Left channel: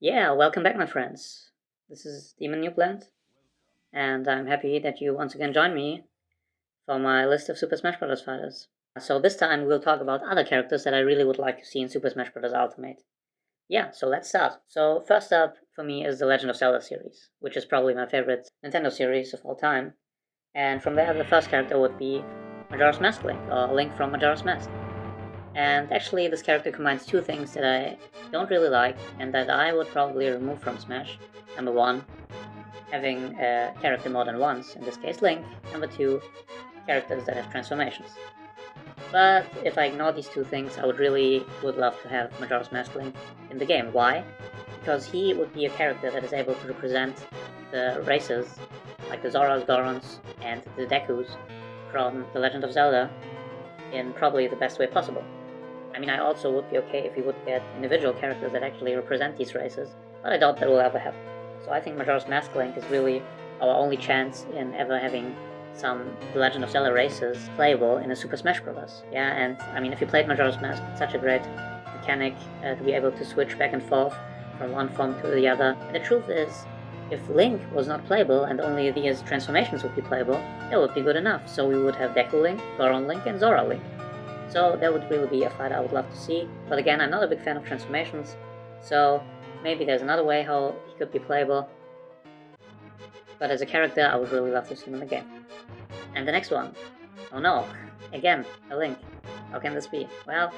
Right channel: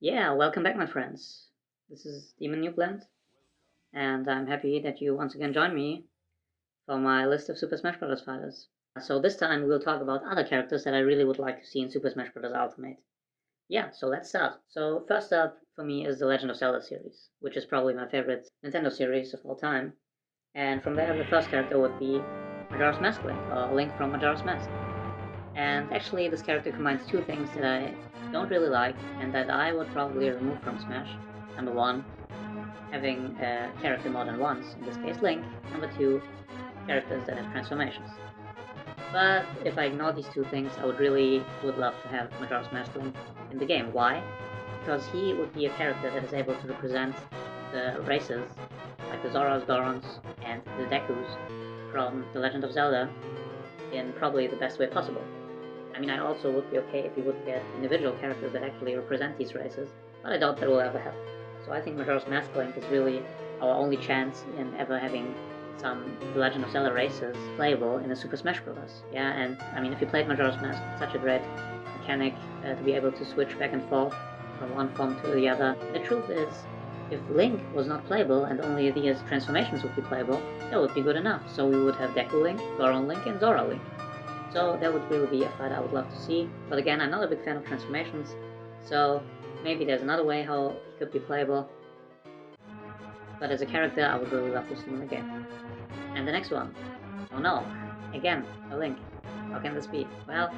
Yeah, welcome back, my friends. This is Demon Newplant, and I'm happy that you once again joined me for my list of Super Smash Bros. Fighters. So this time we'll talk about other characters that I really would like to see in Super Smash Bros. Ultimate. Yeah, so let's start. So first up for me is the Legend of Zelda series, which is probably my favorite Nintendo series of all time. And from there, the first character would be Majora's Mask Link, or Link from Majora's Mask. And actually, this character combines two things that I don't really like and that I would probably remove from Smash. Number one, having a character more than once, in this case Link. Number two, characters that have transformations. But if I ignore these two things, I would love to have Majora's Mask Link in the game. Why? Because he would be a character that is able to represent the races, like the Zoras, Gorons, and the Dekus from The Legend of Zelda in probably the best way possible. I mean, I also would be okay if we would get individual characters that actually represent these races, but I doubt that will ever happen. So I think Majora's Mask Link is really our only chance in ever having some The Legend of Zelda races playable in a Super Smash Bros. Yeah, and I mean, if you played Majora's Mask, it's such a great mechanic to be able to switch back and forth from one form to the other. And the truth is, if Link was not playable and only these transformations would be playable, that would be good enough. So we would have Deku Link, Goron Link, and Zora Link. So that would really be a fight I would love to see. But again, I'm not a big fan of transformations, so maybe there's another way how he could be playable. But as a character, I would really love to see him in the game. And the next one. Oh no, again, a Link. How can this be? Well,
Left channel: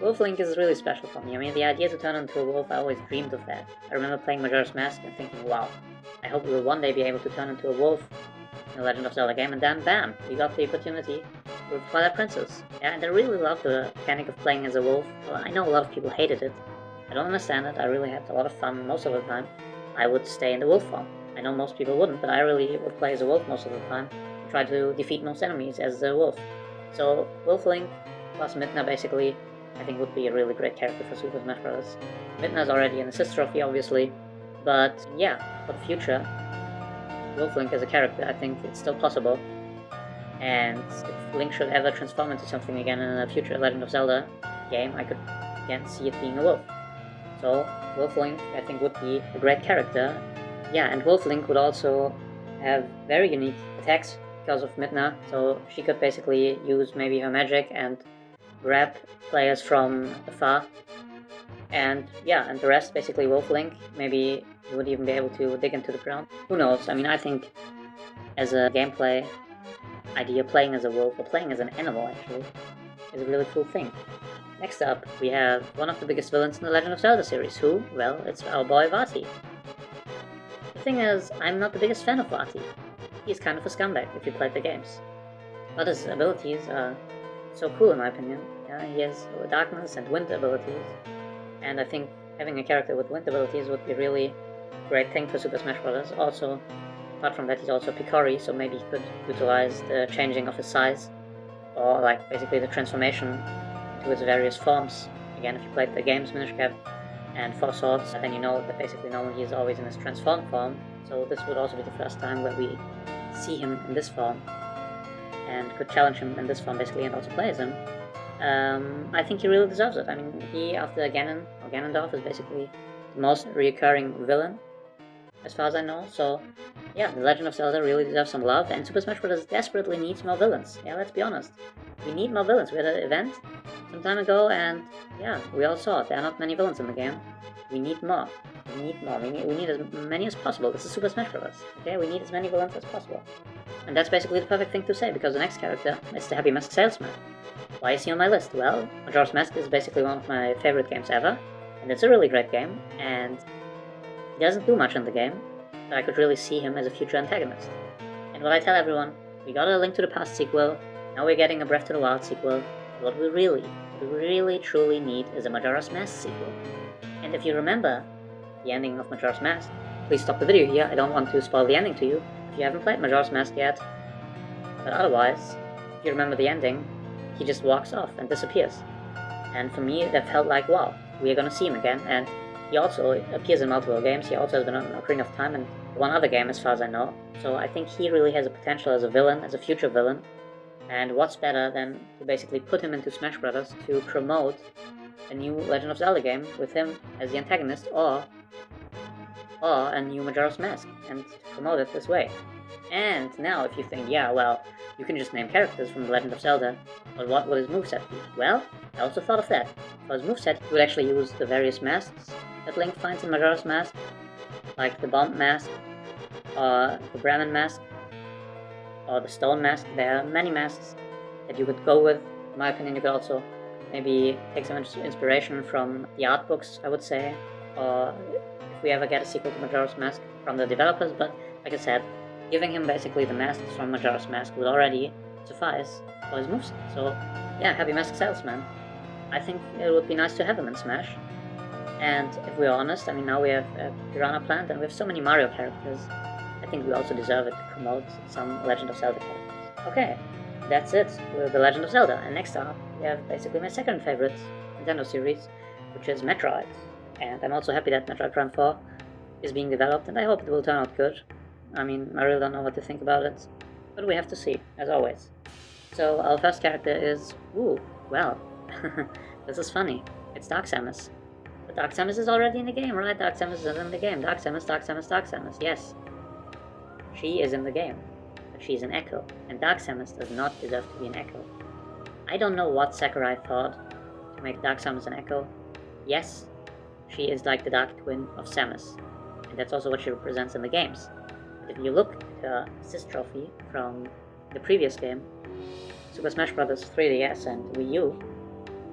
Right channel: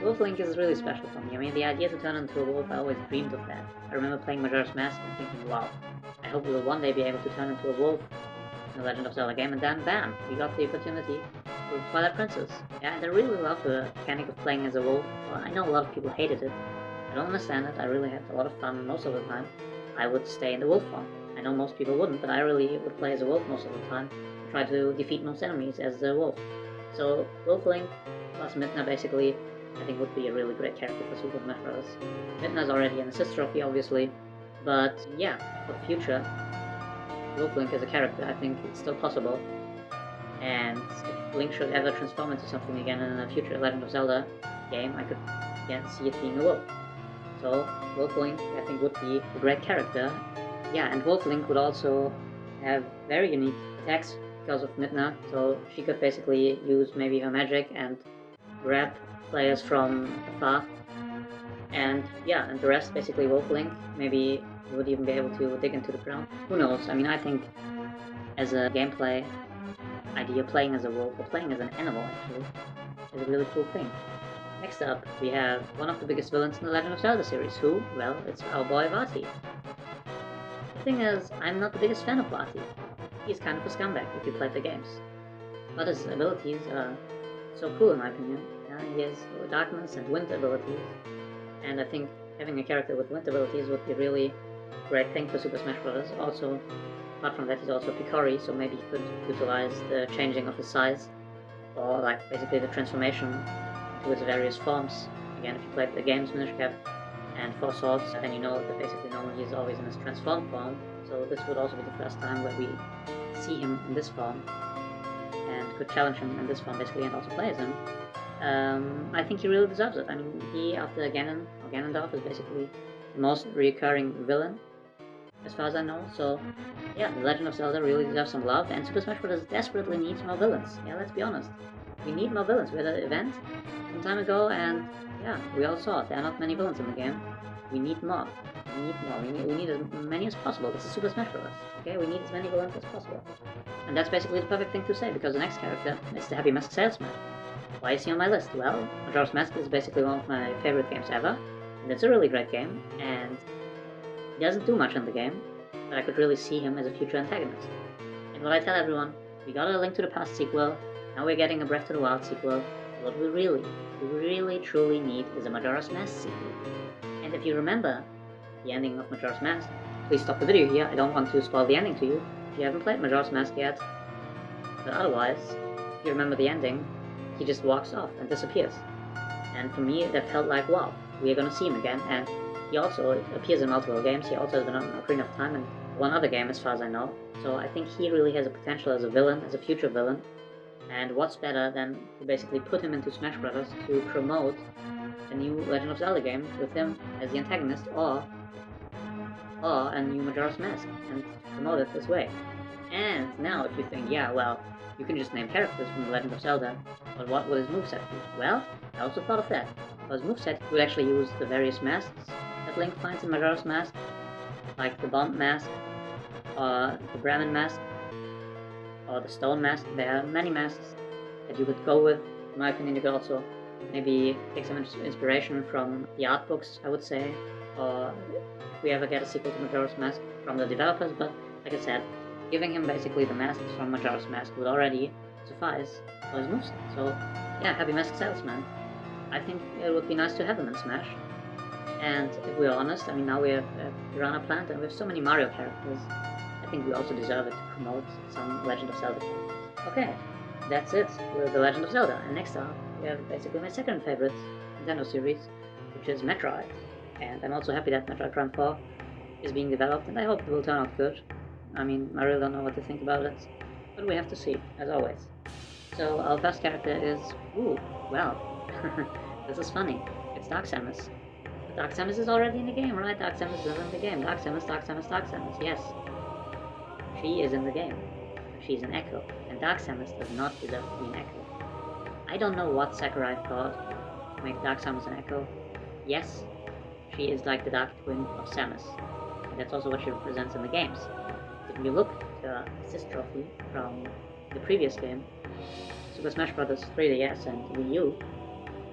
Wolf Link is really special for me. I mean, the idea to turn into a wolf, I always dreamed of that. I remember playing Majora's Mask and thinking, wow, I hope we will one day be able to turn into a wolf in the Legend of Zelda game, and then bam, we got the opportunity with Twilight Princess. Yeah, and I really love the mechanic of playing as a wolf. Well, I know a lot of people hated it. I don't understand it. I really had a lot of fun most of the time. I would stay in the wolf form. I know most people wouldn't, but I really would play as a wolf most of the time and try to defeat most enemies as a wolf. So Wolf Link plus Midna basically, I think would be a really great character for Super Smash Bros. Midna's already an assist trophy, obviously, but yeah, for the future, Wolf Link as a character, I think it's still possible. And if Link should ever transform into something again in a future Legend of Zelda game, I could again see it being a wolf. So Wolf Link, I think, would be a great character. Yeah, and Wolf Link would also have very unique attacks because of Midna, so she could basically use maybe her magic and grab players from afar. And yeah, and the rest basically Wolf Link. Maybe he would even be able to dig into the ground. Who knows? I mean, I think as a gameplay idea, playing as a wolf, or playing as an animal actually, is a really cool thing. Next up, we have one of the biggest villains in the Legend of Zelda series, who, well, it's our boy Vati. The thing is, I'm not the biggest fan of Vati. He's kind of a scumbag if you played the games. But his abilities are so cool in my opinion. He has darkness and wind abilities, and I think having a character with wind abilities would be really great thing for Super Smash Bros. Also, apart from that, he's also Picori, so maybe he could utilize the changing of his size, or like basically the transformation into its various forms. Again, if you played the games Minish Cap and Four Swords, then you know that basically normally he's always in his transformed form, so this would also be the first time where we see him in this form, and could challenge him in this form basically, and also play as him. I think he really deserves it. I mean, he, after Ganon, or Ganondorf, is basically the most recurring villain, as far as I know, so yeah, The Legend of Zelda really deserves some love, and Super Smash Bros. Desperately needs more villains. Yeah, let's be honest. We need more villains. We had an event some time ago, and yeah, we all saw it. There are not many villains in the game. We need more. We need more. We need as many as possible. This is Super Smash Bros. Okay, we need as many villains as possible. And that's basically the perfect thing to say, because the next character is the Happy Mask Salesman. Why is he on my list? Well, Majora's Mask is basically one of my favorite games ever, and it's a really great game, and he doesn't do much in the game, but I could really see him as a future antagonist. And what I tell everyone, we got a Link to the Past sequel, now we're getting a Breath to the Wild sequel. What we really truly need is a Majora's Mask sequel. And if you remember the ending of Majora's Mask, please stop the video here, I don't want to spoil the ending to you if you haven't played Majora's Mask yet. But otherwise, if you remember the ending, he just walks off and disappears. And for me, that felt like, wow, we're gonna see him again, and he also appears in multiple games. He also has been on Ocarina of Time in one other game, as far as I know. So I think he really has a potential as a villain, as a future villain. And what's better than to basically put him into Smash Bros. To promote a new Legend of Zelda game with him as the antagonist, or or a new Majora's Mask and promote it this way. And now if you think, yeah, well, you can just name characters from The Legend of Zelda, but what would his moveset be? Well, I also thought of that. For his moveset, he would actually use the various masks that Link finds in Majora's Mask, like the Bomb Mask, or the Bremen Mask, or the Stone Mask. There are many masks that you could go with. In my opinion, you could also maybe take some inspiration from the art books, I would say, or if we ever get a sequel to Majora's Mask from the developers, but like I said, giving him basically the masks from Majora's Mask would already suffice for his moveset. So yeah, happy mask salesman. I think it would be nice to have him in Smash. And if we're honest, I mean, now we have Piranha Plant and we have so many Mario characters, I think we also deserve it to promote some Legend of Zelda characters. Okay, that's it with The Legend of Zelda. And next up, we have basically my second favorite Nintendo series, which is Metroid. And I'm also happy that Metroid Prime 4 is being developed, and I hope it will turn out good. I mean, I really don't know what to think about it, but we have to see, as always. So our first character is, this is funny. It's Dark Samus. But Dark Samus is already in the game, right? Dark Samus is in the game. Dark Samus, yes. She is in the game. She's an Echo, and Dark Samus does not deserve to be an Echo. I don't know what Sakurai thought to make Dark Samus an Echo. Yes, she is like the Dark Twin of Samus, and that's also what she represents in the games. If you look at the assist trophy from the previous game, Super Smash Bros. 3DS and Wii U,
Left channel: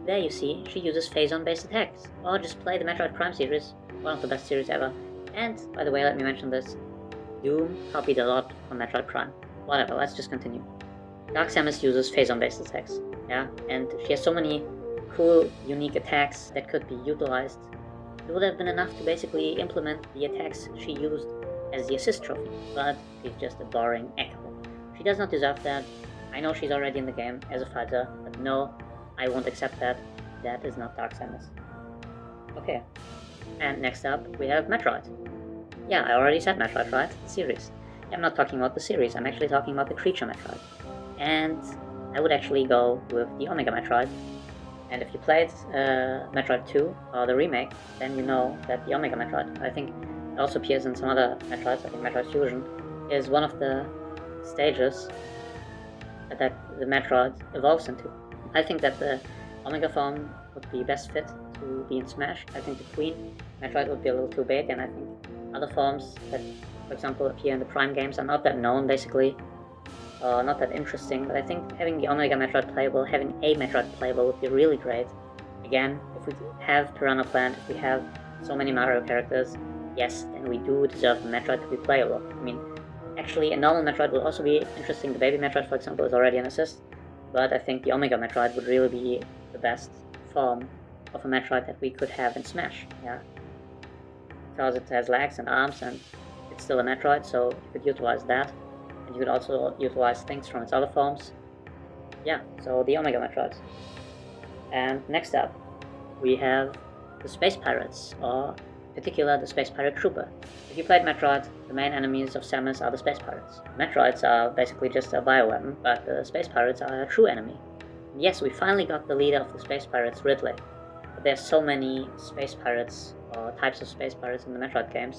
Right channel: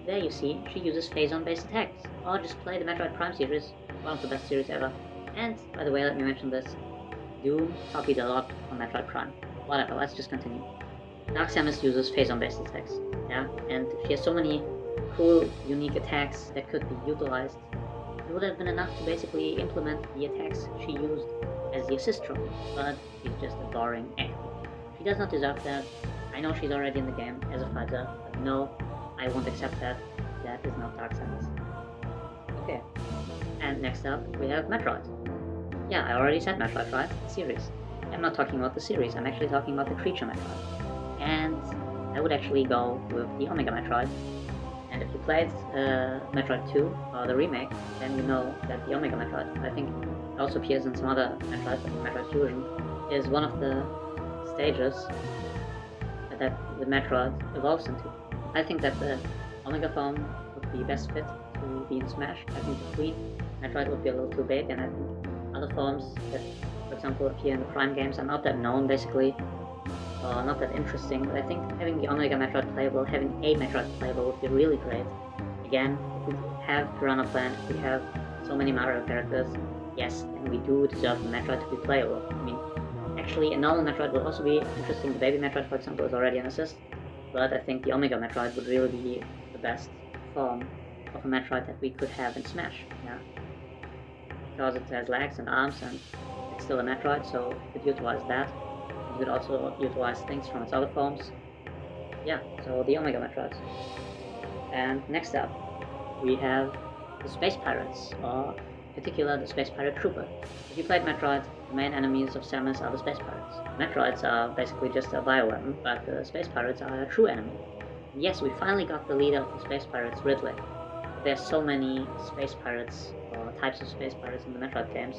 there you see she uses phase-on based attacks. Or just play the Metroid Prime series, one of the best series ever. And, by the way, let me mention this, Doom copied a lot on Metroid Prime. Whatever, let's just continue. Dark Samus uses phase-on based attacks, yeah? And she has so many cool, unique attacks that could be utilized. It would have been enough to basically implement the attacks she used as the assist trophy, but she's just a boring Echo. She does not deserve that. I know she's already in the game as a fighter, but no, I won't accept that. That is not Dark Samus. Okay, and next up we have Metroid. Yeah, I already said Metroid, right? The series. I'm not talking about the series, I'm actually talking about the creature Metroid. And I would actually go with the Omega Metroid. And if you played Metroid 2, or the remake, then you know that the Omega Metroid, I think it also appears in some other Metroids, like Metroid Fusion, is one of the stages that the Metroid evolves into. I think that the Omega form would be best fit to be in Smash. I think the Queen Metroid would be a little too big, and I think other forms that, for example, appear in the Prime games are not that known, basically, not that interesting, but I think having the Omega Metroid playable, having a Metroid playable would be really great. Again, if we have Piranha Plant, if we have so many Mario characters, yes, then we do deserve the Metroid to be playable. I mean, actually, a normal Metroid would also be interesting. The Baby Metroid, for example, is already an assist, but I think the Omega Metroid would really be the best form of a Metroid that we could have in Smash, yeah? Because it has legs and arms, and it's still a Metroid, so you could utilize that. And you could also utilize things from its other forms. Yeah, so the Omega Metroid. And next up, we have the Space Pirates, or in particular the Space Pirate Trooper. If you played Metroid, the main enemies of Samus are the Space Pirates. Metroids are basically just a bioweapon, but the Space Pirates are a true enemy. And yes, we finally got the leader of the Space Pirates, Ridley. But there's so many Space Pirates, or types of Space Pirates in the Metroid games,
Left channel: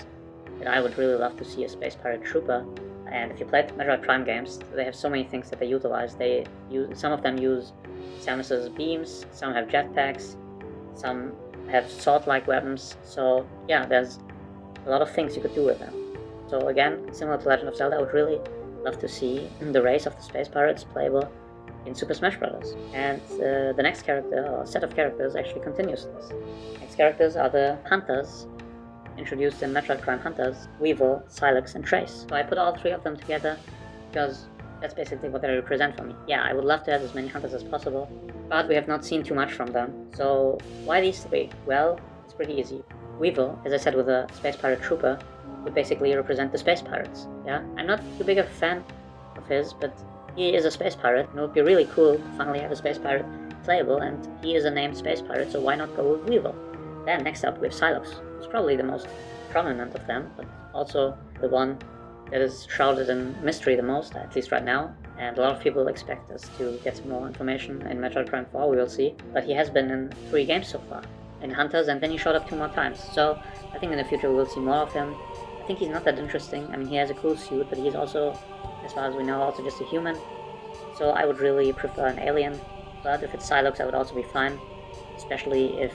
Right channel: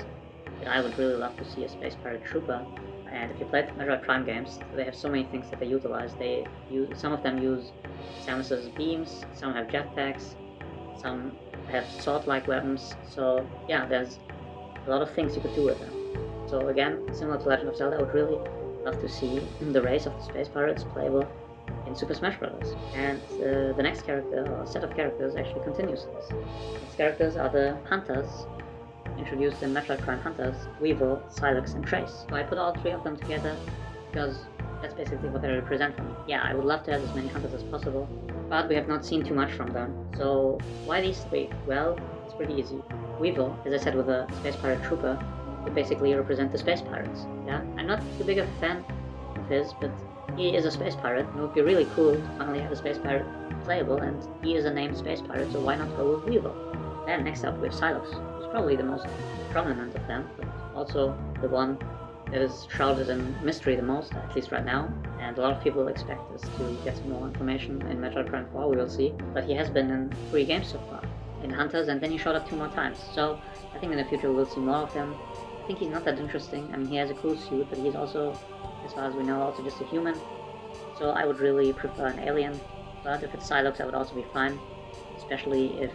that I would really love to see a Space Pirate Trooper. And if you play the Metroid Prime games, they have so many things that they utilize. Some of them use Samus's beams, some have jetpacks, some have sword-like weapons. So yeah, there's a lot of things you could do with them. So again, similar to Legend of Zelda, I would really love to see the race of the Space Pirates playable in Super Smash Bros. And the next character, or set of characters, actually continues this. Next characters are the Hunters, introduced in Metroid Prime Hunters, Weevil, Silex, and Trace. So I put all three of them together because that's basically what they represent for me. Yeah, I would love to have as many Hunters as possible, but we have not seen too much from them. So why these three? Well, it's pretty easy. Weevil, as I said with the Space Pirate Trooper, would basically represent the Space Pirates. Yeah, I'm not too big of a fan of his, but he is a Space Pirate, and it would be really cool to finally have a Space Pirate playable, and he is a named Space Pirate, so why not go with Weevil? Then next up we have Silex, who's probably the most prominent of them, but also the one that is shrouded in mystery the most, at least right now, and a lot of people expect us to get some more information in Metroid Prime 4, we will see, but he has been in 3 games so far. in Hunters, and then he showed up 2 more times. So I think in the future we'll see more of him. I think he's not that interesting. I mean, he has a cool suit, but he's also, as far as we know, also just a human. So I would really prefer an alien, but if it's Psylocke, I would also be fine, especially if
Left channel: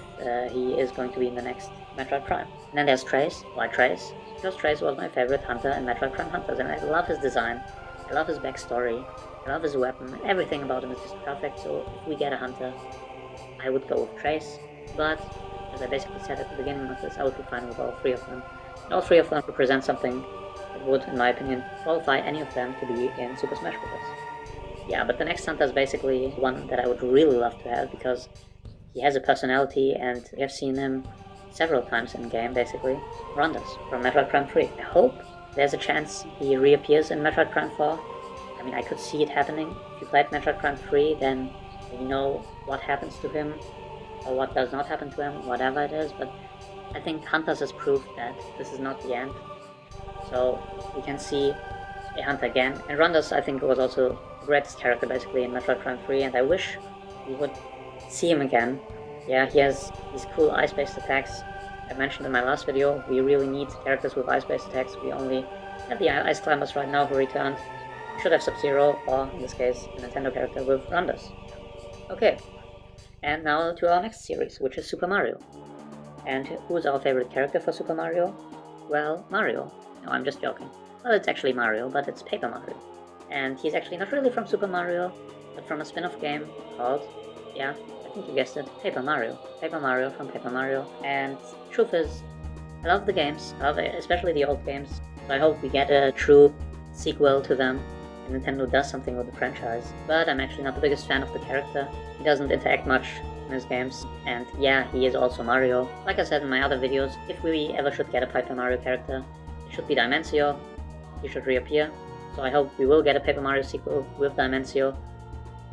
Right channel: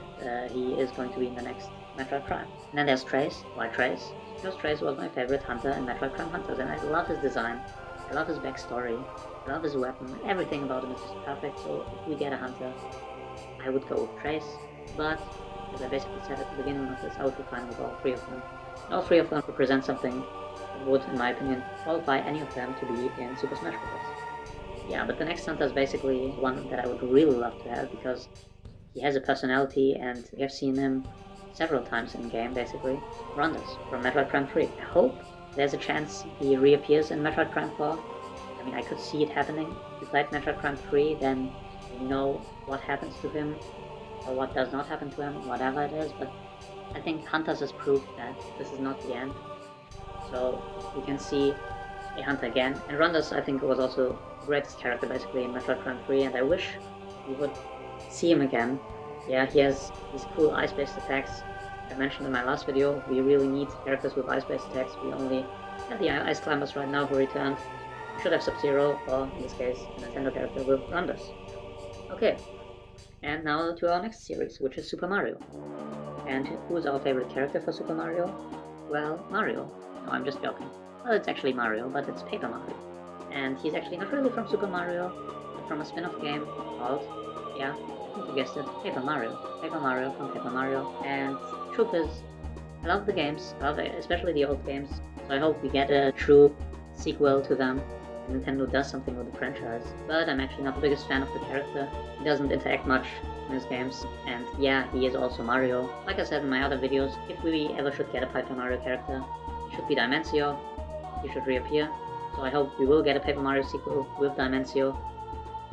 he is going to be in the next Metroid Prime. And then there's Trace. Why Trace? Because Trace was my favorite hunter in Metroid Prime Hunters, and I love his design, I love his backstory, I love his weapon, everything about him is just perfect. So if we get a hunter, I would go with Trace, but as I basically said at the beginning of this, I would be fine with all 3 of them. And all 3 of them represent something that would, in my opinion, qualify any of them to be in Super Smash Bros. Yeah, but the next hunter is basically one that I would really love to have, because he has a personality and we have seen him several times in game, basically. Rondas from Metroid Prime 3. I hope there's a chance he reappears in Metroid Prime 4. I mean, I could see it happening. If you played Metroid Prime 3, then you know what happens to him, or what does not happen to him, whatever it is, but I think Hunters has proved that this is not the end. So we can see a hunter again. And Rondas, I think, was also the greatest character basically in Metroid Prime 3, and I wish we would see him again. Yeah, he has these cool ice-based attacks. I mentioned in my last video, we really need characters with ice-based attacks. We only have the Ice Climbers right now who returned. We should have Sub-Zero, or in this case, a Nintendo character with Rondas. Okay, and now to our next series, which is Super Mario. And who is our favorite character for Super Mario? Well, Mario. No, I'm just joking. Well, it's actually Mario, but it's Paper Mario. And he's actually not really from Super Mario, but from a spin-off game called, yeah, I think you guessed it, Paper Mario. Paper Mario from Paper Mario. And truth is, I love the games, especially the old games. So I hope we get a true sequel to them. Nintendo does something with the franchise. But I'm actually not the biggest fan of the character. He doesn't interact much in his games, and yeah, he is also Mario. Like I said in my other videos, if we ever should get a Paper Mario character, it should be Dimencio. He should reappear. So I hope we will get a Paper Mario sequel with Dimencio.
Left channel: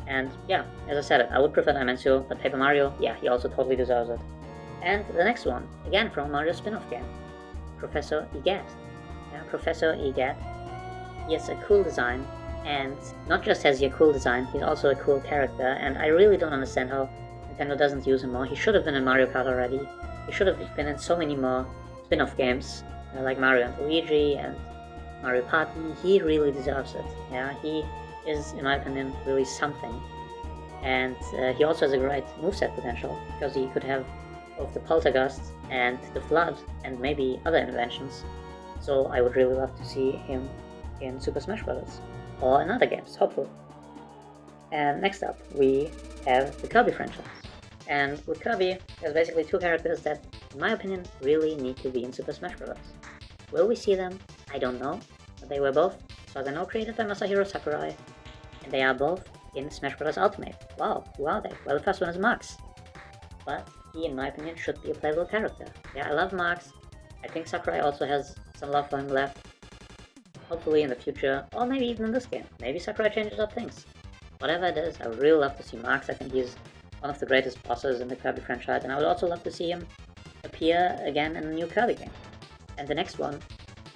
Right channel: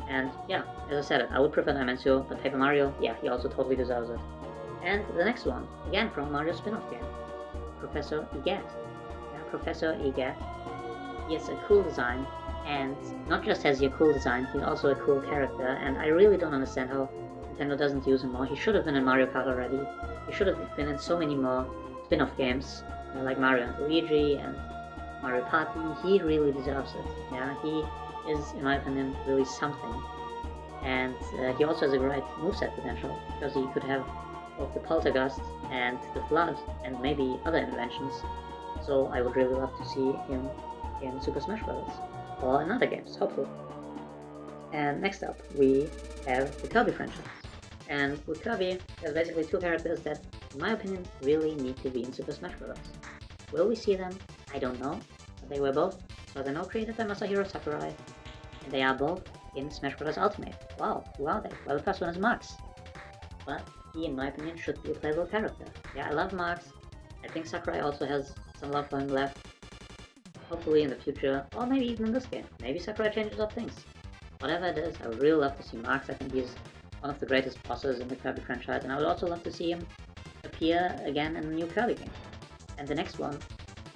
And yeah, as I said, I would prefer Dimencio, but Paper Mario, yeah, he also totally deserves it. And the next one, again from Mario spin-off game, Professor Egat. Yeah, Professor Egat. He has a cool design, and not just has he a cool design, he's also a cool character, and I really don't understand how Nintendo doesn't use him more. He should have been in Mario Kart already. He should have been in so many more spin-off games, like Mario and Luigi and Mario Party. He really deserves it. Yeah, he is, in my opinion, really something. And he also has a great moveset potential, because he could have both the Poltergust and the Flood, and maybe other inventions. So I would really love to see him in Super Smash Bros. Or in other games, hopefully. And next up, we have the Kirby franchise. And with Kirby, there's basically 2 characters that, in my opinion, really need to be in Super Smash Bros. Will we see them? I don't know. But they were both, so as I know, created by Masahiro Sakurai. And they are both in Smash Bros. Ultimate. Wow, who are they? Well, the first one is Max. But he, in my opinion, should be a playable character. Yeah, I love Max. I think Sakurai also has some love for him left. Hopefully in the future, or maybe even in this game. Maybe Sakurai changes up things. Whatever it is, I would really love to see Max. I think he's one of the greatest bosses in the Kirby franchise, and I would also love to see him appear again in a new Kirby game. And the next one,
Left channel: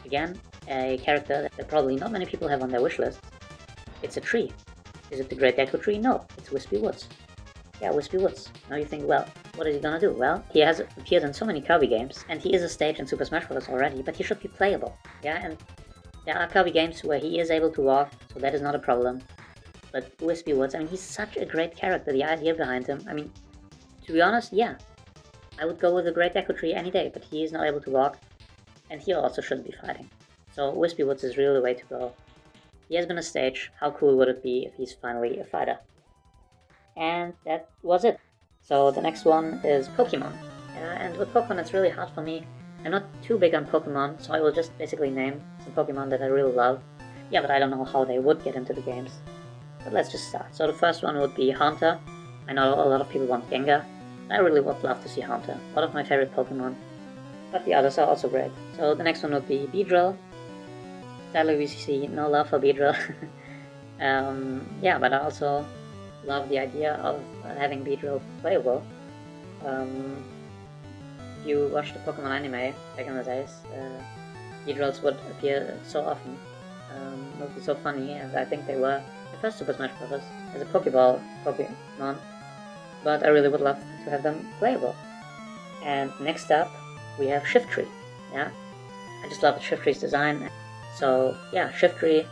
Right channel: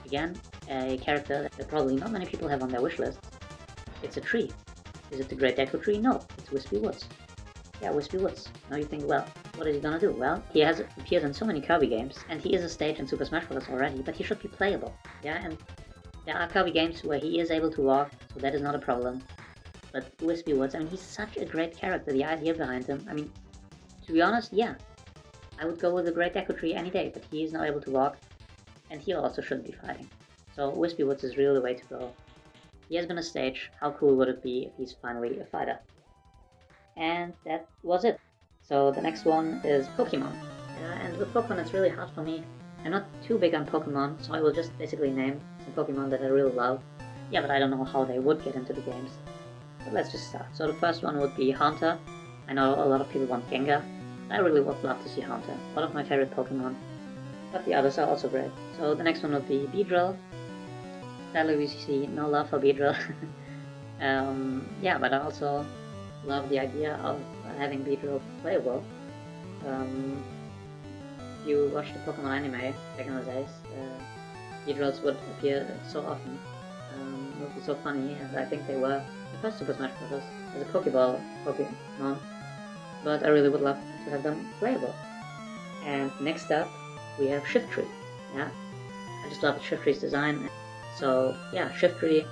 again, a character that probably not many people have on their wish list. It's a tree. Is it the Great Deku Tree? No, it's Wispy Woods. Yeah, Wispy Woods. Now you think, well, what is he gonna do? Well, he has appeared in so many Kirby games, and he is a stage in Super Smash Bros. Already, but he should be playable. Yeah, and there are Kirby games where he is able to walk, so that is not a problem. But Wispy Woods, I mean, he's such a great character, the idea behind him. I mean, to be honest, yeah, I would go with the Great Deku Tree any day, but he is not able to walk, and he also shouldn't be fighting. So Wispy Woods is really the way to go. He has been a stage. How cool would it be if he's finally a fighter? And that was it. So the next one is Pokemon. And with Pokemon, it's really hard for me. I'm not too big on Pokemon, so I will just basically name some Pokemon that I really love. Yeah, but I don't know how they would get into the games. But let's just start. So the first one would be Haunter. I know a lot of people want Gengar. I really would love to see Haunter. One of my favorite Pokemon. But the others are also great. So the next one would be Beedrill. Sadly we see no love for Beedrill. Yeah, but I also love the idea of having Beedrill playable. If you watched the Pokemon anime back in the days, Beedrills would appear so often. It would be so funny, and I think they were the first Super Smash Bros. As a Pokeball Pokemon, but I really would love to have them playable. And next up, we have Shift Tree. Yeah, I just love the Shift Tree's design. So yeah, Shift Tree.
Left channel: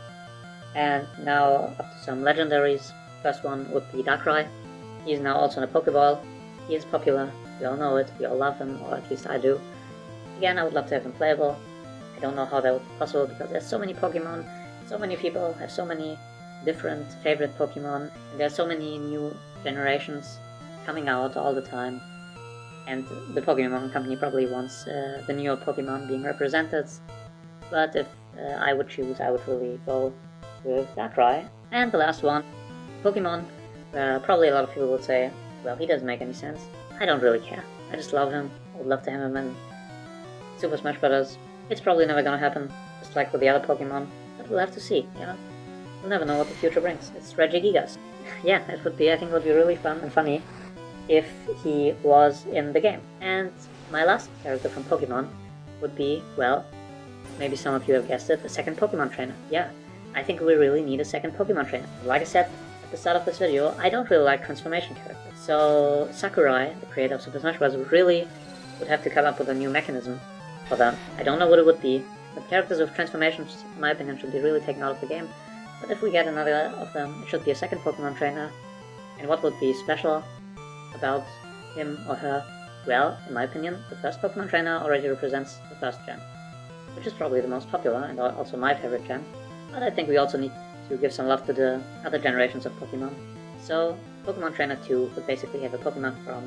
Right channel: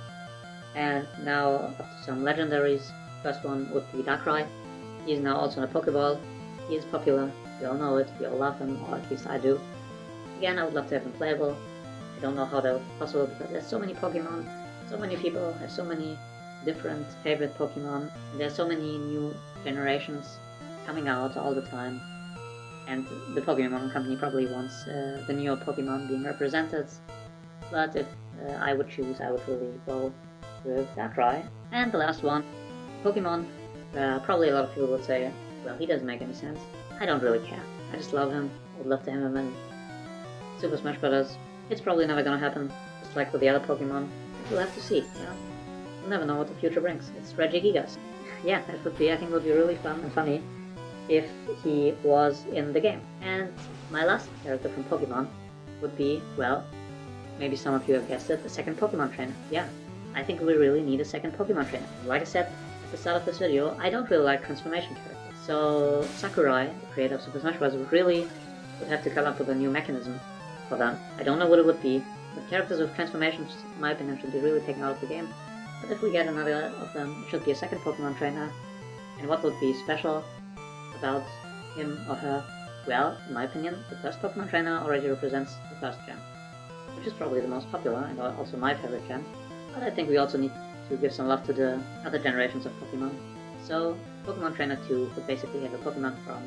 And now up to some legendaries. First one would be Darkrai. He is now also in a Pokeball. He is popular. We all know it. We all love him, or at least I do. Again, I would love to have him playable. I don't know how that would be possible because there's so many Pokemon. So many people have so many different favorite Pokemon. And there's so many new generations coming out all the time. And the Pokemon company probably wants the newer Pokemon being represented. But if I would choose, I would really go with Darkrai. And the last one, Pokemon. Probably a lot of people would say, well, he doesn't make any sense. I don't really care. I just love him. I would love to have him in Super Smash Bros. It's probably never gonna happen, just like with the other Pokemon. But we'll have to see, yeah? We'll never know what the future brings. It's Regigigas. Yeah, it would be, I think it would be really fun and funny if he was in the game. And my last character from Pokemon would be, well, maybe some of you have guessed it, the second Pokemon trainer. Yeah, I think we really need a second Pokemon trainer. Like I said at the start of this video, I don't really like transformation characters. So Sakurai, the creator of Super Smash Bros., would have to come up with a new mechanism for them. I don't know what it would be, but characters with transformations, in my opinion, should be really taken out of the game. But if we get another of them, it should be a second Pokemon trainer. And what would be special about him or her? Well, in my opinion, the first Pokemon trainer already represents the first gen, which is probably the most popular and also my favorite gen. But I think we also need to give some love to the other generations of Pokemon. So, Pokemon Trainer 2 would basically have a Pokemon from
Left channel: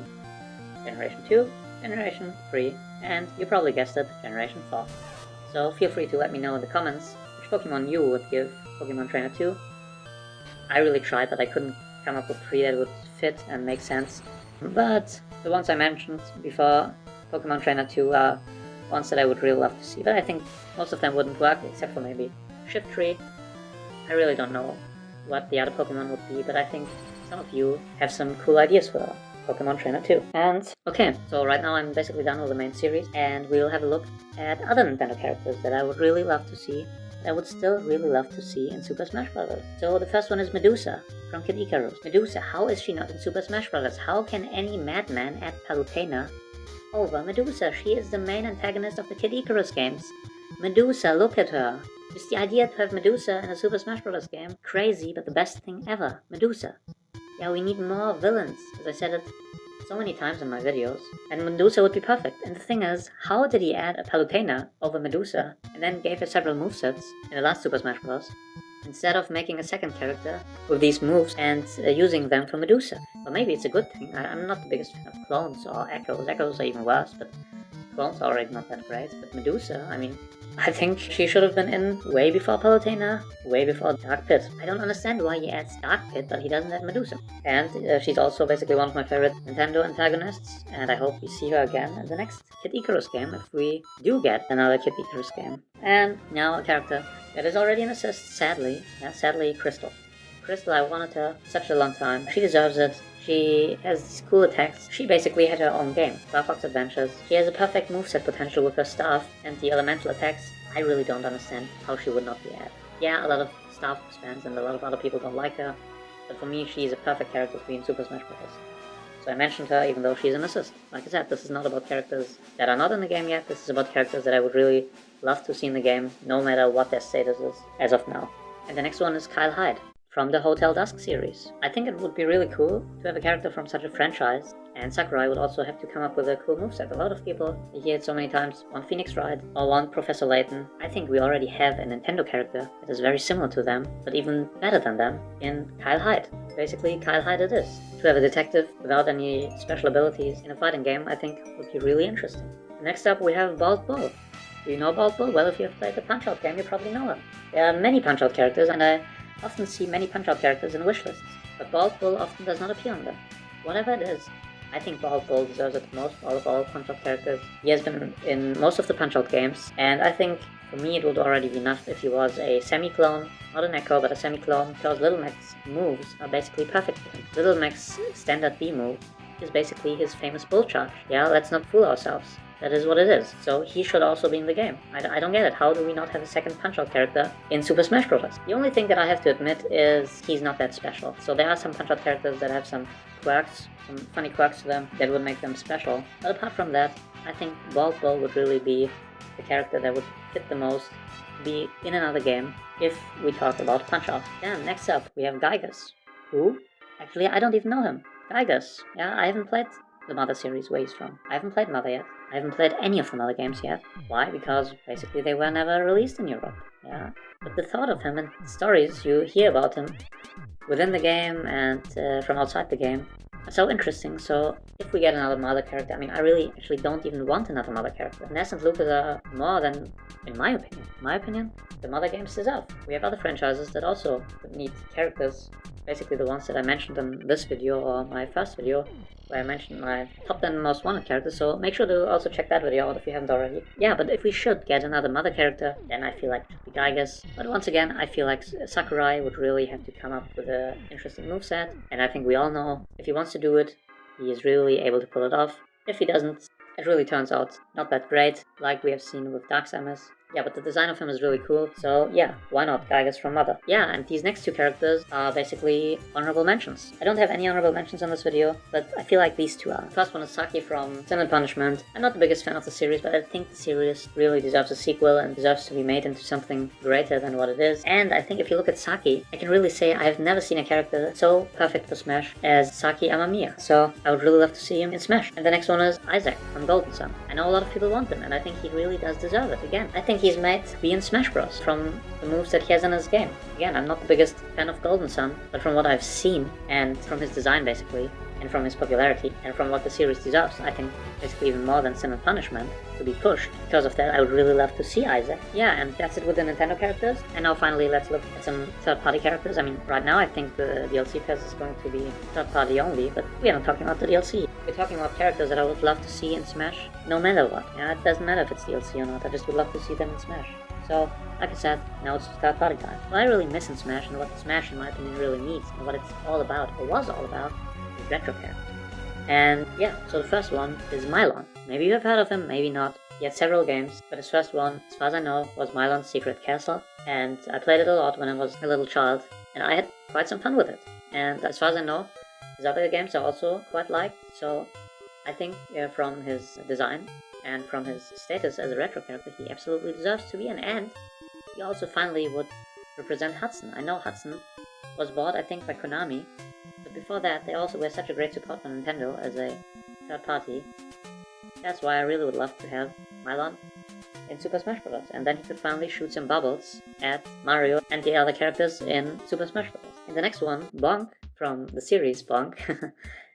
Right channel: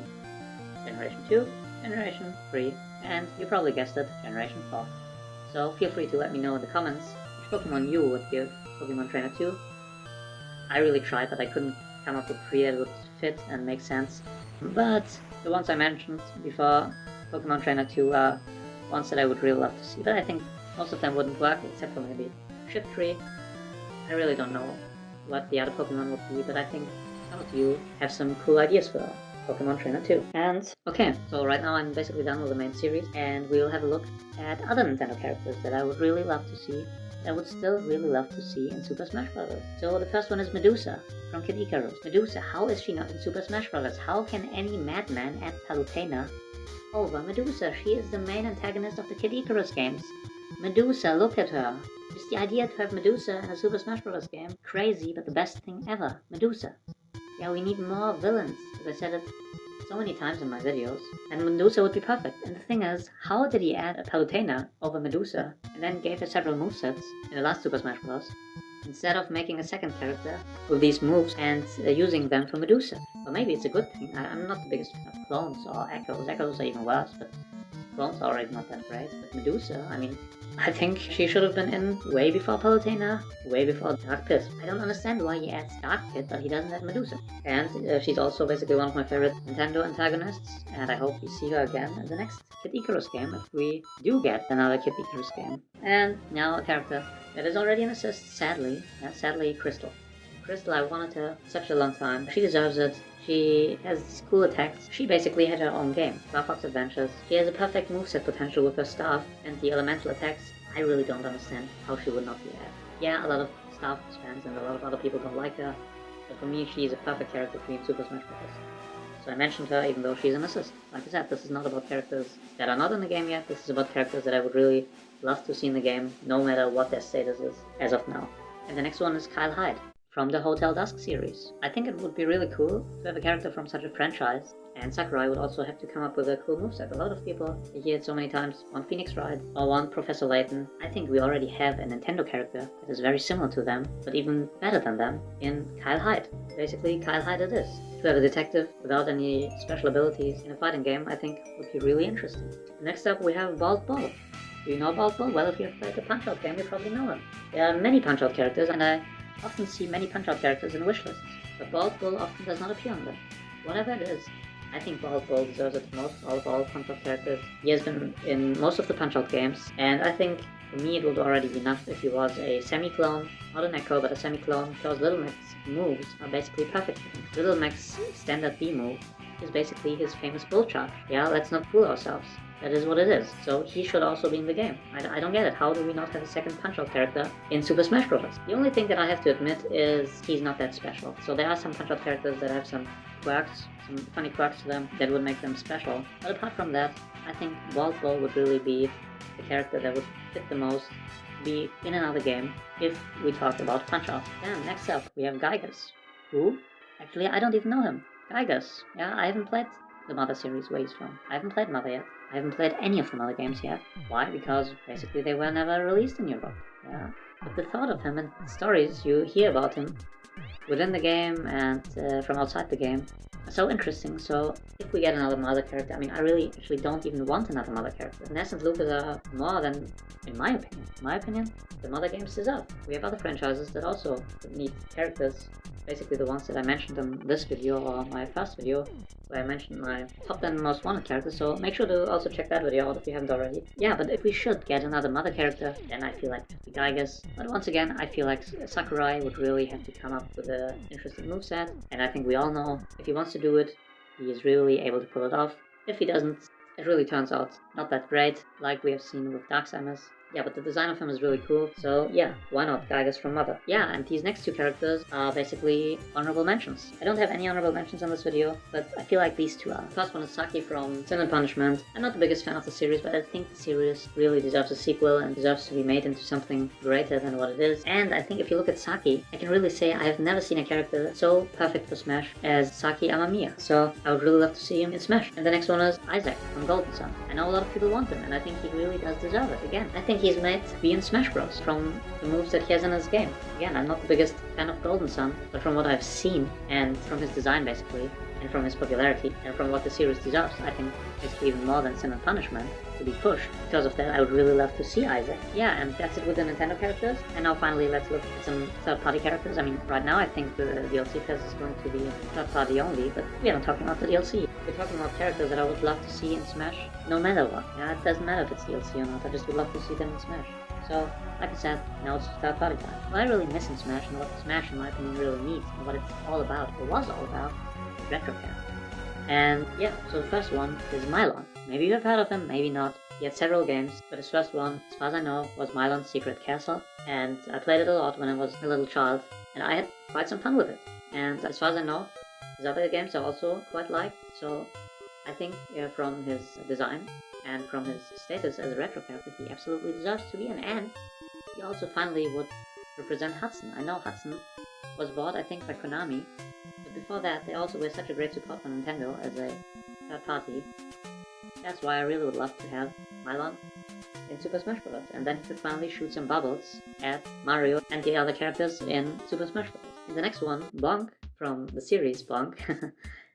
Generation 2, Generation 3, and you probably guessed it, Generation 4. So feel free to let me know in the comments which Pokemon you would give Pokemon Trainer 2. I really tried, but I couldn't come up with 3 that would fit and make sense. But the ones I mentioned before Pokemon Trainer 2 are ones that I would really love to see. But I think most of them wouldn't work, except for maybe Shift Tree. I really don't know what the other Pokemon would be, but I think some of you have some cool ideas for Pokemon Trainer 2. And okay, so right now I'm basically done with the main series, and we'll have a look at other Nintendo characters that I would really love to see, that I would still really love to see in Super Smash Bros. So the first one is Medusa from Kid Icarus. Medusa, how is she not in Super Smash Bros? How can any madman add Palutena over Medusa? She is the main antagonist of the Kid Icarus games. Medusa, look at her. Just the idea to have Medusa in a Super Smash Bros. Game, crazy, but the best thing ever. Medusa. Yeah, we need more villains, as I said it so many times in my videos, and Medusa would be perfect. And the thing is, how did he add a Palutena over Medusa, and then gave her several movesets in the last Super Smash Bros., instead of making a second character with these moves and using them for Medusa? Or maybe it's a good thing. I'm not the biggest fan of clones or echoes. Echoes are even worse, but clones are already not that great. But Medusa, I mean, I think she should have been in way before Palutena, way before Dark Pit. I don't understand why he adds Dark Pit, but he doesn't add Medusa. And she's also basically one of my favorite Nintendo antagonists, and I hope we see her again in the next Kid Icarus game, if we do get another Kid Icarus game. And now a character that is already an assist, sadly. Yeah, sadly, Crystal. Crystal, I wanted her such a long time. She deserves it. She has cool attacks. She basically had her own game, Star Fox Adventures. She has a perfect moveset potential with her staff and the elemental attacks. I really don't understand how she would not be added. Yeah, a lot of Star Fox fans and a lot of other people don't like her, but for me she is a perfect character to be in Super Smash Bros. So I mentioned her even though she's an assist. Like I said, this is not about characters that are not in the game yet, this is about characters that I would really love to see in the game, no matter what their status is, as of now. And the next one is Kyle Hyde, from the Hotel Dusk series. I think it would be really cool to have a character from such a franchise, and Sakurai would also have to come up with a cool moveset. A lot of people, you hear it so many times, want Phoenix Wright or want Professor Layton. I think we already have a Nintendo character that is very similar to them, but even better than them, in Kyle Hyde. Basically, Kyle Hyde it is. To have a detective without any special abilities in a fighting game, I think would be really interesting. Next up we have Bald Bull. Do you know Bald Bull? Well, if you have played the Punch-Out game, you probably know him. There are many Punch-Out characters, and I often see many Punch-Out characters in wish lists, but Bald Bull often does not appear on them. Whatever it is, I think Bald Bull deserves it the most out of all Punch-Out characters. He has been in most of the Punch-Out games, and I think for me it would already be enough if he was a semi-clone, not an Echo, but a semi-clone, because Little Mac's moves are basically perfect for him. Little Mac's standard B move is basically his famous Bull Charge. Yeah, let's not fool ourselves. That is what it is. So he should also be in the game. I don't get it. How do we not have a second Punch-Out character in Super Smash Bros? The only thing that I have to admit is he's not that special. So there are some Punch-Out characters that have some quirks, some funny quirks to them that would make them special. But apart from that, I think Bald Bull would really be the character that would fit the most to be in another game if we talk about Punch-Out. Then next up, we have Gygus. Who? Actually, I don't even know him. Gygus. Yeah, I haven't played the Mother series where he's from. I haven't played Mother yet. I haven't played any of the Mother games yet. Why? Because basically they were never released in Europe. Yeah. But the thought of him and stories you hear about him within the game and from outside the game are so interesting. So if we get another Mother character, I mean, I really actually don't even want another Mother character. Ness and Lucas are more than, in my opinion, the Mother games deserve. We have other franchises that also need characters, basically the ones that I mentioned in this video or my first video, where I mentioned my top 10 most wanted characters, so make sure to also check that video out if you haven't already. Yeah, but if we should get another Mother character, then I feel like Gygus. But once again, I feel like Sakurai would really have to come up with an interesting moveset, and I think we all know if he wants to do it, he is really able to pull it off. If he doesn't, it really turns out not that great, like we have seen with Darksamus. Yeah, but the design of him is really cool, so yeah, why not Gygus from Mother? Yeah, and these next two characters are basically honorable mentions. I don't have any honorable mentions on this video, but I feel like these two are. The first one is Saki from Sin and Punishment. I'm not the biggest fan of the series, but I think the series really deserves a sequel and deserves to be made into something greater than what it is. And I think if you look at Saki, I can really say I have never seen a character that's so perfect for Smash as Saki Amamiya. So I would really love to see him in Smash. And the next one is Isaac from Golden Sun. I know a lot of people want him, and I think he really does deserve it. Again, I think he's meant to be in Smash Bros. From the moves that he has in his game. Again, I'm not the biggest fan of Golden Sun, but from what I've seen, and from his design basically, and from his popularity, and from what the series deserves, I think it's even more than Sin and Punishment to be pushed. Because of that, I would really love to see Isaac. Yeah, and that's it with the Nintendo characters. And now finally, let's look at some third-party characters. I mean, right now I think the DLC phase is going to be third-party only, but we are not talking about the DLC. We're talking about characters that I would love to see in Smash, no matter what. Yeah, it doesn't matter if it's DLC or not, I just would love to see them in Smash. So, like I said, now it's third-party time. What I really miss in Smash, and what Smash, in my opinion, really needs, and what it's all about, or was all about, is retro characters. And yeah, so the first one is Mylon. Maybe you have heard of him, maybe not. He had several games, but his first one, as far as I know, was Mylon's Secret Castle, and I played it a lot when I was a little child, and I had quite some fun with it. And as far as I know, his other games are also quite liked, so I think from his design and from his status as a retro character, he absolutely deserves to be in, and he also finally would represent Hudson. I know Hudson was bought, I think, by Konami, but before that, they also were such a great support for Nintendo as a third party. That's why I really would love to have Mylon in Super Smash Bros. And then he could finally shoot some bubbles at Mario and the other characters in Super Smash Bros. And the next one, Bonk, from the series Bonk,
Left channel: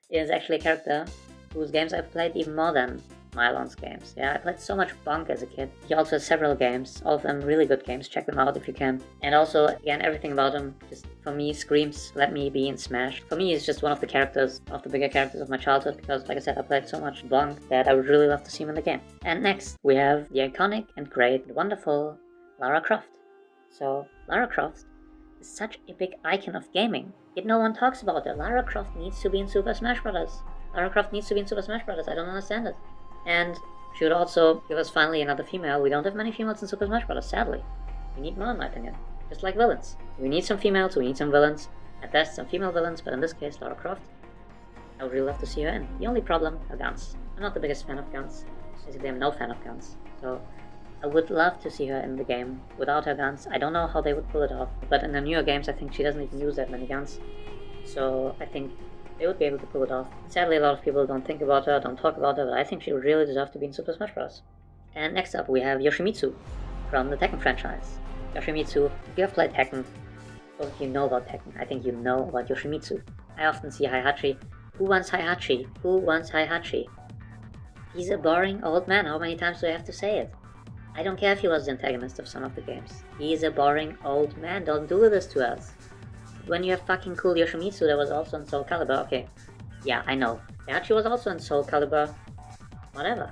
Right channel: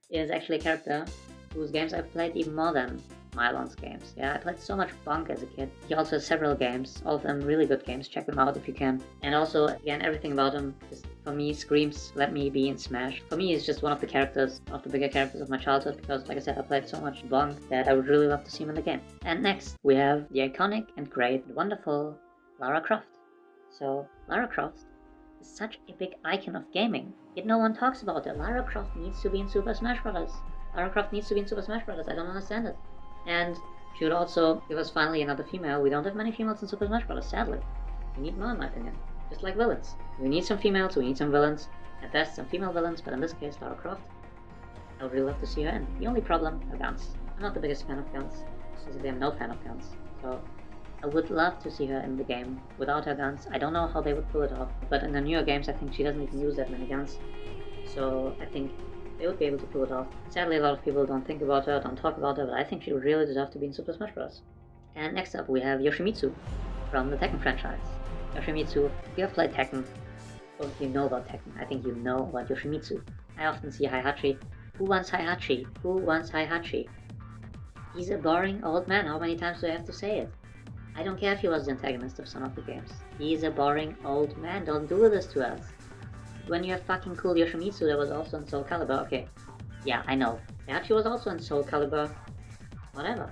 is actually a character whose games I've played even more than Mylon's games. Yeah, I played so much Bonk as a kid. He also has several games, all of them really good games. Check them out if you can. And also, again, everything about him just, for me, screams, let me be in Smash. For me, he's just one of the characters, of the bigger characters of my childhood, because, like I said, I played so much Bonk that I would really love to see him in the game. And next, we have the iconic and great, wonderful Lara Croft. So, Lara Croft is such a big icon of gaming, yet no one talks about her. Lara Croft needs to be in Super Smash Bros. Lara Croft needs to be in Super Smash Bros. I don't understand it. And she would also give us finally another female. We don't have many females in Super Smash Bros. Sadly. We need more, in my opinion. Just like villains. We need some females, we need some villains. At best, some female villains, but in this case, Lara Croft. I would really love to see her in. The only problem, her guns. I'm not the biggest fan of guns. Basically, I'm no fan of guns. So, I would love to see her in the game without her guns. I don't know how they would pull it off, but in the newer games, I think she doesn't even use that many guns. So, I think they would be able to pull it off. Sadly, a lot of people don't think about her, don't talk about her, but I think she would really deserve to be in Super Smash Bros. And next up, we have Yoshimitsu from the Tekken franchise. Yoshimitsu, if you have played Tekken, or if you know about Tekken, I think you know about Yoshimitsu. I often see Heihachi. Who wants Heihachi? Who wants Heihachi? He's a boring old man. How many times do I have to say it? I don't care if he was the antagonist of some of the games. He's a boring old man. Don't do this to us. When you have fucking cool Yoshimitsu that was also in Soul Calibur, okay, yeah, I know. Heihachi was also in Soul Calibur, whatever.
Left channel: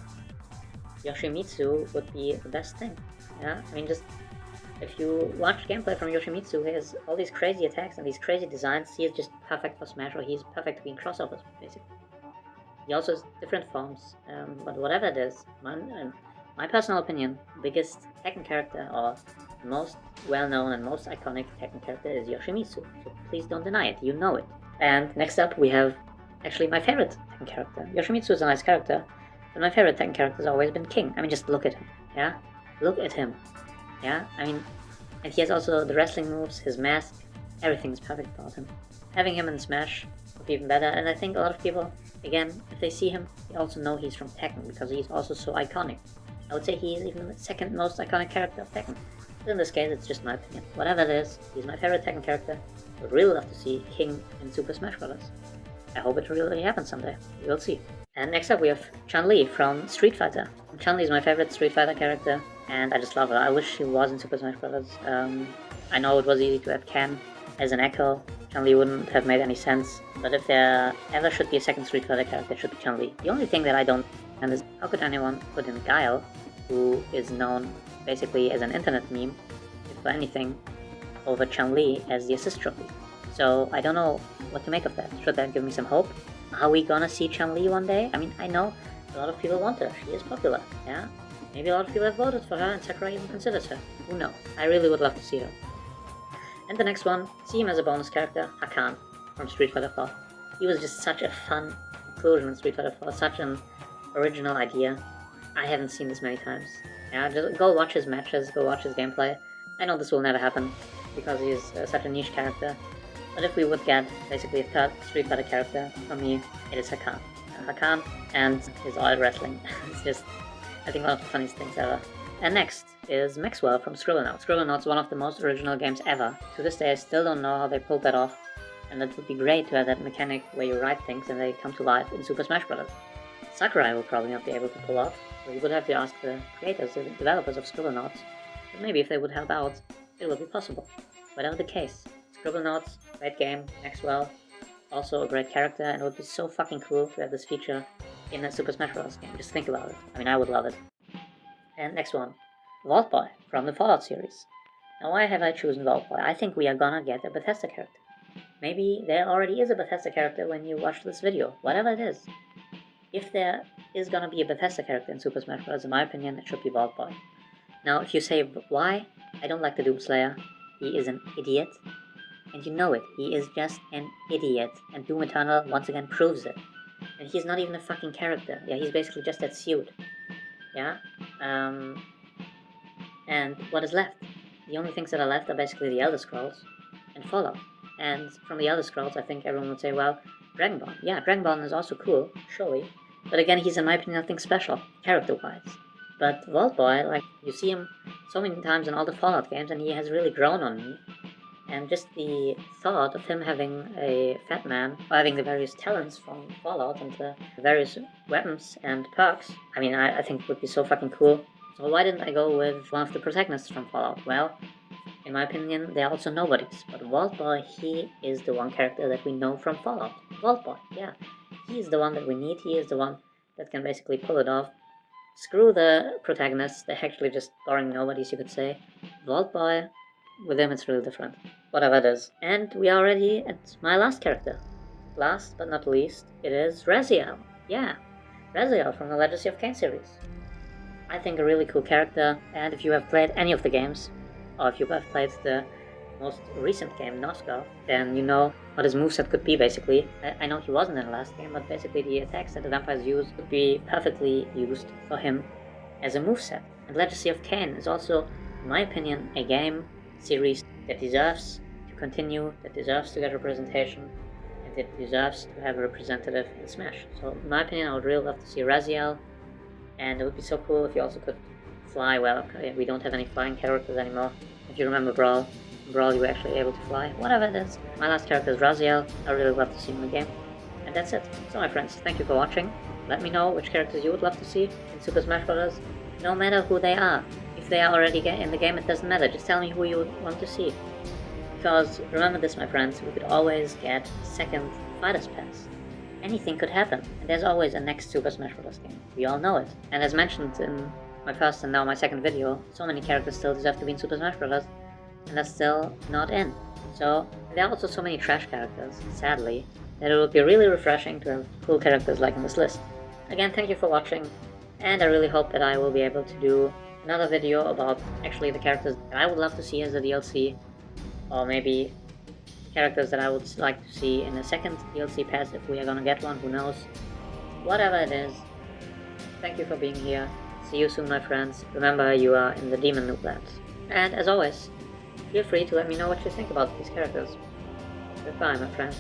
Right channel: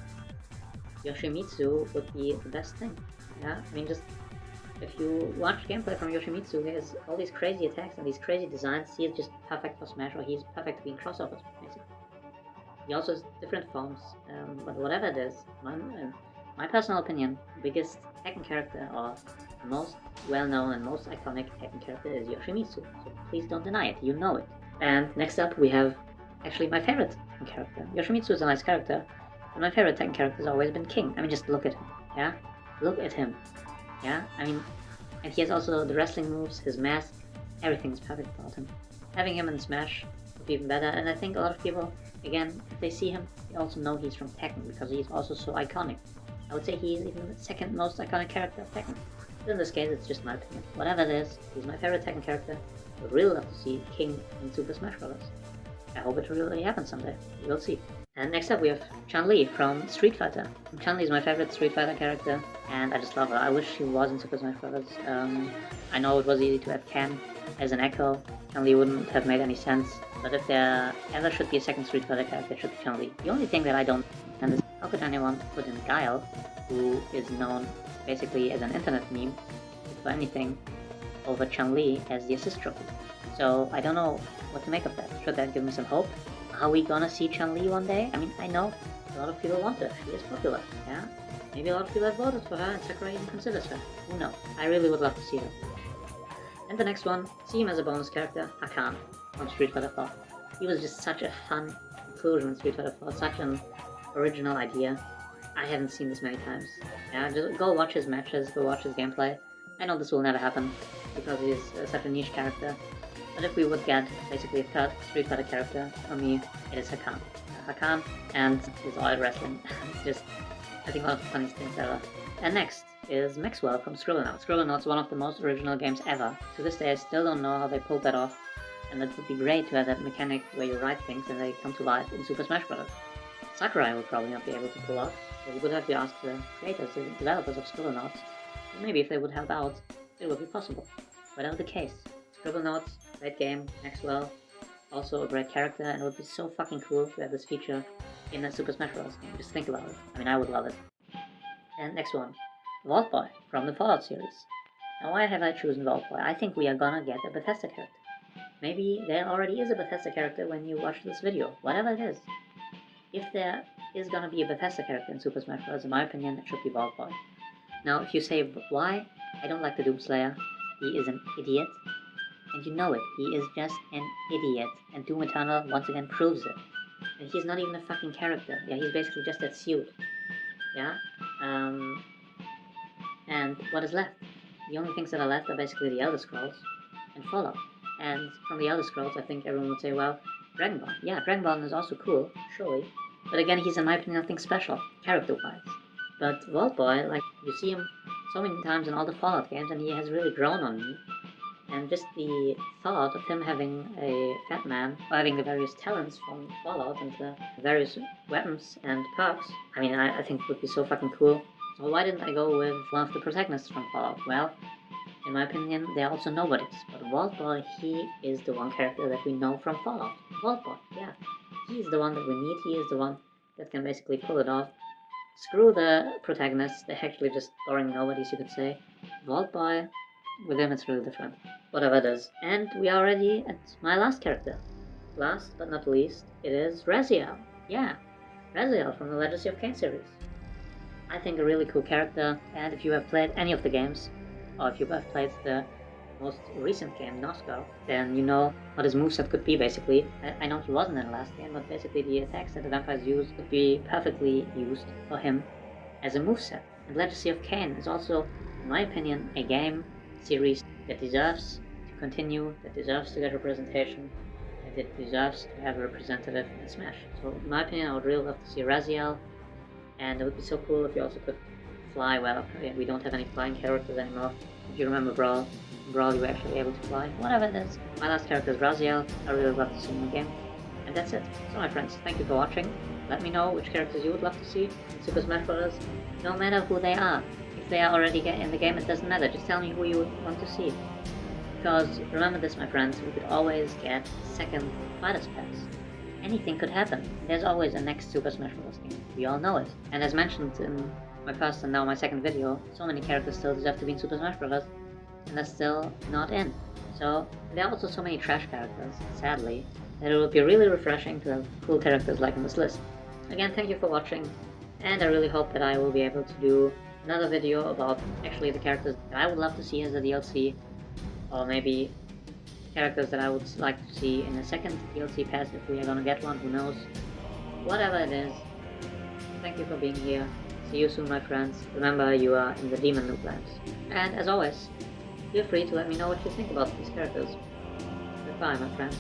Yoshimitsu would be the best thing, yeah? I mean, just, if you watch gameplay from Yoshimitsu, he has all these crazy attacks and these crazy designs. He is just perfect for Smash, or he's perfect to be in crossovers, basically. He also has different forms, but whatever it is, my personal opinion, biggest Tekken character, or most well-known and most iconic Tekken character is Yoshimitsu, so please don't deny it, you know it. And next up we have actually my favorite Tekken character. Yoshimitsu is a nice character, but my favorite Tekken character has always been King. I mean, just look at him, yeah? Look at him, yeah? I mean, and he has also the wrestling moves, his mask, everything is perfect about him. Having him in Smash would be even better, and I think a lot of people, again, if they see him, they also know he's from Tekken, because he's also so iconic. I would say he is even the second most iconic character of Tekken. But in this case, it's just my opinion. Whatever it is, he's my favorite Tekken character. I would really love to see King in Super Smash Bros. I hope it really happens someday. We'll see. And next up we have Chun-Li from Street Fighter. Chun-Li is my favorite Street Fighter character, and I just love her. I wish she was in Super Smash Bros. I know it was easy to have Ken as an Echo. Chun-Li wouldn't have made any sense, but if there ever should be a second Street Fighter character, it should be Chun-Li. The only thing that I don't understand is how could anyone put in Guile, who is known basically as an internet meme, if for anything, over Chun-Li as the assist trophy. So I don't know what to make of that. Should that give me some hope? Are we gonna see Chun-Li one day? I mean, I know a lot of people want her. She is popular, yeah? Maybe a lot of people have voted for her and Sakurai even considers her. Who knows? I really would love to see her. And the next one, see him as a bonus character, Hakan from Street Fighter 4. He was just such a fun inclusion in Street Fighter 4, such an original idea. I haven't seen this many times. Yeah, just go watch his matches, go watch his gameplay. I know this will never happen because he is such a niche character. But if we would get basically a third Street Fighter character, for me, it is Hakan. Hakan and his oil wrestling. It's just, I think, one of the funniest things ever. And next is Maxwell from Scribblenauts. Scribblenauts is one of the most original games ever. To this day, I still don't know how they pulled that off. And it would be great to have that mechanic where you write things and they come to life in Super Smash Bros. Sakurai will probably not be able to pull off, so we would have to ask the creators, the developers of Scribblenauts. But maybe if they would help out, it would be possible. Whatever the case, Scribblenauts, great game, Maxwell, also a great character, and it would be so fucking cool to have this feature in a Super Smash Bros. Game. Just think about it. I mean, I would love it. And next one, Vault Boy from the Fallout series. Now, why have I chosen Vault Boy? I think we are gonna get a Bethesda character. Maybe there already is a Bethesda character when you watch this video, whatever it is. If there is gonna be a Bethesda character in Super Smash Bros., in my opinion, it should be Vault Boy. Now, if you say why, I don't like the Doomslayer. He is an idiot. And you know it, he is just an idiot, and Doom Eternal once again proves it. And he's not even a fucking character, yeah, he's basically just that suit, yeah? And what is left? The only things that are left are basically the Elder Scrolls and Fallout. And from the Elder Scrolls, I think everyone would say, well, Dragonborn. Yeah, Dragonborn is also cool, surely. But again, he's in my opinion nothing special, character-wise. But Vault Boy, like, you see him so many times in all the Fallout games, and he has really grown on me. And just the thought of him having a fat man, or having the various talents from Fallout and the various weapons and perks, I mean, I think would be so fucking cool. So why didn't I go with one of the protagonists from Fallout? Well, in my opinion, they're also nobodies. But Vault Boy, he is the one character that we know from Fallout. Vault Boy, yeah. He is the one that we need. He is the one that can basically pull it off. Screw the protagonists. They're actually just boring nobodies, you could say. Vault Boy, with him it's really different. Whatever it is. And we are already at my last character. Last but not least, it is Raziel. Yeah, Raziel from the Legacy of Kain series. I think a really cool character, and if you have played any of the games, or if you have played the most recent game, Nosgoth, then you know what his moveset could be, basically. I know he wasn't in the last game, but basically the attacks that the vampires use could be perfectly used for him as a moveset. And Legacy of Kain is also, in my opinion, a game series that deserves to continue, that deserves to get representation, and that deserves to have a representative in Smash. So in my opinion, I would really love to see Raziel, and it would be so cool if you also could fly. Well, we don't have any flying characters anymore. If you remember Brawl, you were actually able to fly. Whatever it is. My last character is Raziel. I really love to see him in the game. And that's it. So my friends, thank you for watching. Let me know which characters you would love to see in Super Smash Bros. No matter who they are. If they are already in the game, it doesn't matter. Just tell me who you would want to see. Because remember this, my friends, we could always get a second Fighters Pass. Anything could happen. And there's always a next Super Smash Bros. Game. We all know it. And as mentioned in my first and now my second video, so many characters still deserve to be in Super Smash Bros. And they're still not in. So there are also so many trash characters, sadly, that it would be really refreshing to have cool characters like in this list. Again, thank you for watching, and I really hope that I will be able to do another video about actually the characters that I would love to see as a DLC, or maybe characters that I would like to see in a second DLC pass, if we are gonna get one, who knows. Whatever it is, thank you for being here. See you soon, my friends. Remember, you are in the Demon Noob Land. And as always, feel free to let me know what you think about these characters. Goodbye, my friend.